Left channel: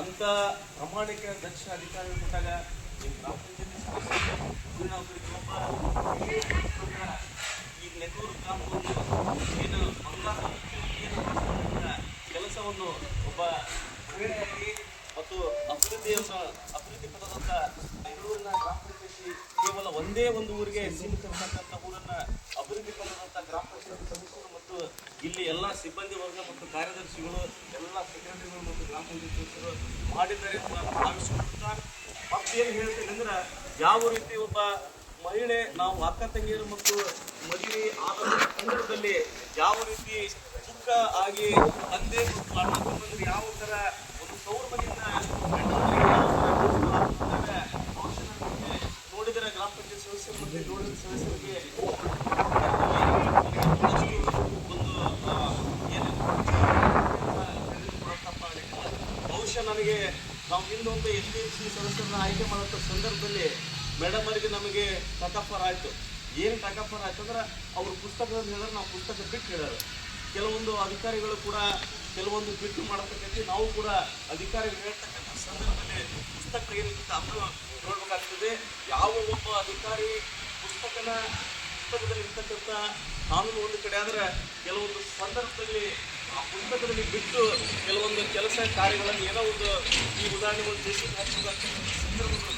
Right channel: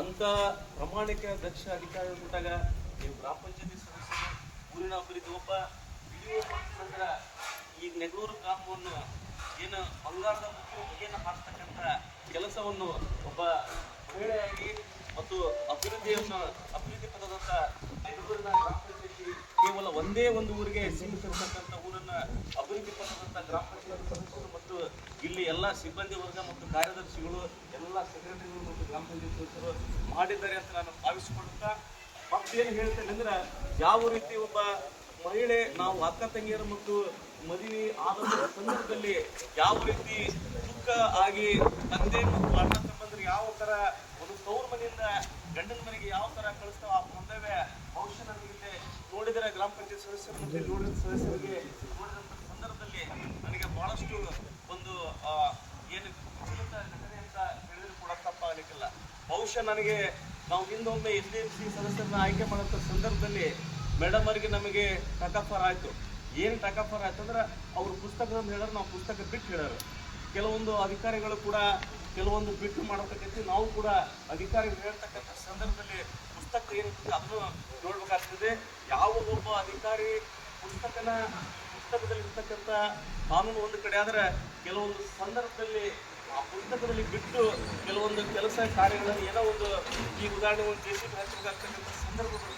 ಅಂತ ಪ್ರಾಮಾಣಿಕ ದಕ್ಷ ಅಧಿಕಾರಿ ಕೊಟ್ಟಾಗ ನೀವು ಗ್ರಾಮ ಪಂಚಾಯತಿ ಸದಸ್ಯರು ಊರಿನ ಒಬ್ಬರಿಗೆ ಒಬ್ಬ ಈಗ ನೆಗಳೂರು ಗ್ರಾಮವನ್ನು ಏನು ಬಂಗಾರದ ಏನು ಮಾಡ್ತಕ್ಕಂಥ ಕೆಲಸವನ್ನು ಒಬ್ಬ ಮಹಿಳೆಯಾಗಿ ಮತ್ತು ಅಭಿವೃದ್ಧಿ ಪದದಂತ ನೆಗಳೂರಿನ ಗ್ರಾಮ ಪಂಚಾಯತಿ ಕೇವಲ ಒಂದೇ ಒಂದು ಊರಿಗೆ ಸೀಮಿತರ್ತಕ್ಕಂಥ ಊರನ್ನ ಅಭಿವೃದ್ಧಿ ಪದದಂತ ಗ್ರಾಮ ಪಂಚಾಯತಿ ಸದಸ್ಯರು ಮತ್ತು ಇಲ್ಲಿ ಎಲ್ಲ ಸಿಬ್ಬಂದಿ ವರ್ಗ ಮತ್ತು ಕಾರ್ಯದರ್ಶಿಗಳು ಎಲ್ಲ ಸೆಕ್ರೆಟರಿಗಳು ಮತ್ತು ಗ್ರಾಮ ಪಂಚಾಯತ್ ಸದಸ್ಯರು ಮಾಡಿದ್ದಾರೆ ಅಂತ ನಾನು ಭಾವಿಸಿಕೊಳ್ಳುತ್ತಾ ಮತ್ತೇನು ಹೇಳ್ತೇನೆ ಅಂದ್ರೆ ಯಾವ ರೀತಿ ಒಬ್ಬ ಮಹಿಳೆ ನಾವು ಅಕ್ಕ ತಂಗಿಯರು ಮತ್ತು ಮದುವೆ ಆದ ಸಂದರ್ಭದಲ್ಲಿ ಯಾವ ರೀತಿ ದುಃಖ ಆಗಿ ತಂದೆ ಮತ್ತು ಅಣ್ಣ ತಮ್ಮಂದ್ರೆ ಯಾವ ಥರ ಒಂದು ತವರು ಮನೆಯಿಂದ ಗಂಡನಿಗೆ ಯಾವ ಥರ ಬಹುಶಃ ನನಗೆ ನೋಡಿದರೆ ಗ್ರಾಮ ಪಂಚಾಯತ್ ಸದಸ್ಯರು ಮತ್ತು ನೋಡಿದ ಸದಸ್ಯರಿಗೆ ನನಗೆ ಬಹಳಷ್ಟು ಒಂದು ಏನು ಕೂಡ ತಪ್ಪಾಗಲಿಕ್ಕಿಲ್ಲ. ಬಹುಶಃ ನನಗೆ ನಾವು ಹಿಂದೊಂದು SDMC ಸದಸ್ಯರನ್ನ ಆಯ್ಕೆ ಮಾಡೋಂಥ ಸಂದರ್ಭದಲ್ಲಿ ಮೇಡಮ್ ಅವರಿಗೆ ನಮಗೆ ಟಕಫರ್ ಆಯಿತು. ಏನು ಟಕಫರ್ ಆಯ್ತು ಅಂದ್ರೆ ಅವರು ಪುಸ್ತಕದಲ್ಲಿ ಹೇಳಿದ್ರೆ ನಾವು ಪುಸ್ತಕ ಬಿಟ್ಟು ಹೇಳೋರು. ಕೆಲವೊಂದು ಅಧಿಕಾರಿಗಳು ಕೂಡ ಕೆಲವೊಂದು ಬಿಟ್ಟು ಮಾಡತಕ್ಕಂಥ ನಾವು ಕೂಡ ಅಧಿಕಾರಿಗಳು ಹೇಳ್ತಕ್ಕಂಥ ಸಂದರ್ಭದಲ್ಲಿ ಪುಸ್ತಕ ಏನಿರ್ತದೆ ಅದನ್ನು ನೋಡ್ಬೇಕಾಗ್ತದೆ. ಯಾವ ಒಬ್ಬ ಅಧಿಕಾರಿ ಪುಸ್ತಕದಲ್ಲಿ ಇರ್ತಕ್ಕಂಥ ಕಾನೂನು ಒಂದು ಕಡೆ ಆದರೆ ಕೆಲವೊಂದು ಸಂದರ್ಭದಲ್ಲಿ ಆ ಪುಸ್ತಕದಲ್ಲಿ ಬಿಟ್ಟು ಕೆಲವೊಂದು ಕೆಲಸ ಕಾರ್ಯಗಳನ್ನು ಏನೋ ಒಂದು ಈ ಉದಾಹರಣೆ ಒಂದು ದೇಶಕ್ಕೆ ಹಚ್ಚಬೇಕಾಗ್ತಕ್ಕಂಥ ಸಂದರ್ಭಗಳು